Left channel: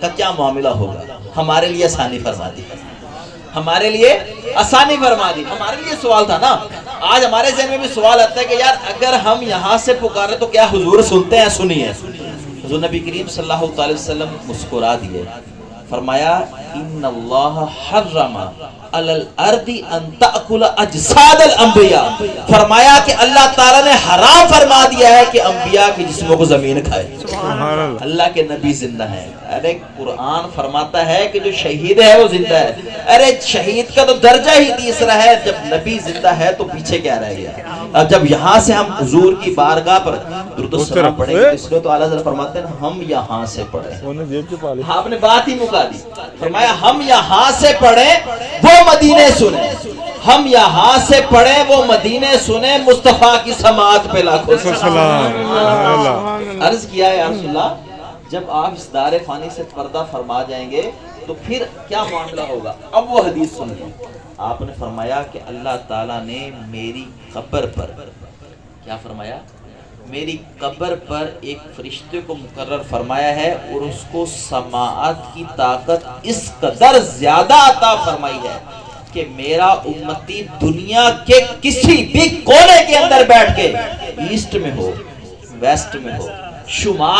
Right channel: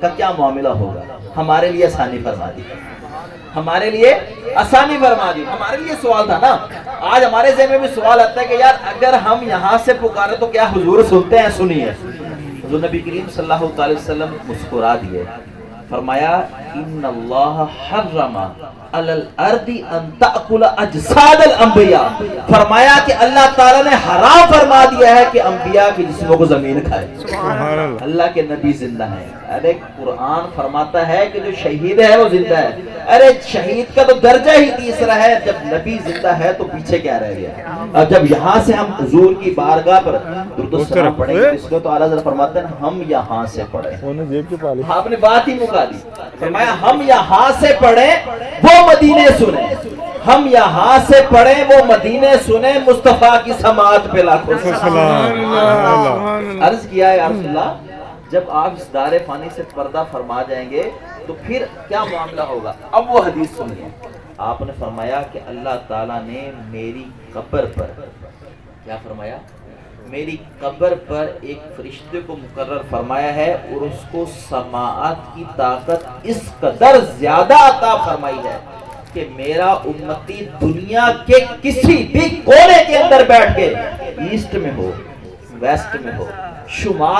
کا کیا معاملہ ہوگا؟ ہمارے لیے آسانی فرما دی، ہمارے لیے آسانی فرما دی۔ ہمارے لیے سوال تھا نا، آج ہمارے ذہن میں بھی سوال آتا ہے کہ یار اگر ہم یہاں سے پکارے تو کیا حضور سنتے ہیں؟ سنیے، حضور نبی کریم صلی اللہ علیہ وسلم مسکرا دیے، فرمایا ان اللہ حرم علی الارض ان تأکل اجساد الانبیاء، فرمایا کہ اللہ تعالیٰ نے حرام فرما دیا ہے کہ انبیاء کے جسموں کو زمین کھائے۔ اللہ کے نبی زندہ ہیں۔ ارے قرآن فرماتا ہے کہ جو شہید ہے وہ زندہ ہے۔ ارے شہید کا تو درجہ ہی تیسرا ہے، جب نبی زندہ ہے تو پیچھے کیا رہ گیا؟ اب جب یہاں سے ہم حضور کی بارگاہ پر درود و سلام پڑھیں گے، اس لیے تو اعلیٰ حضرت فرماتے ہیں ہم یہاں سے پڑھیں۔ آپ نے بات ہی مکا دی، فرمایا ہم یہاں سے پڑھیں وہ مدینے سنیں، ہم یہاں سے پڑھیں وہ مدینے سنیں، مصطفیٰ کی سماعت پہ لاکھوں سلام۔ عرض کیا ہے یا رسول اللہ جب آپ اس دار فانی سے پردہ فرما جائیں گے تو پھر کیا معاملہ ہوگا؟ اب وہ حدیث سنیے، آپ نے فرمایا کہ اللہ تعالیٰ نے میری قبر پر کیا فرمایا؟ میری قبر پر ایک فرشتے کو مقرر فرمایا ہے اور اس کو سماعت کی طاقت اس قدر زیادہ عطا فرمائی ہے کہ میرا امتی دنیا کے کسی بھی کونے کے اندر بیٹھ کے ایسٹ میں ہو ویسٹ میں ہو شمال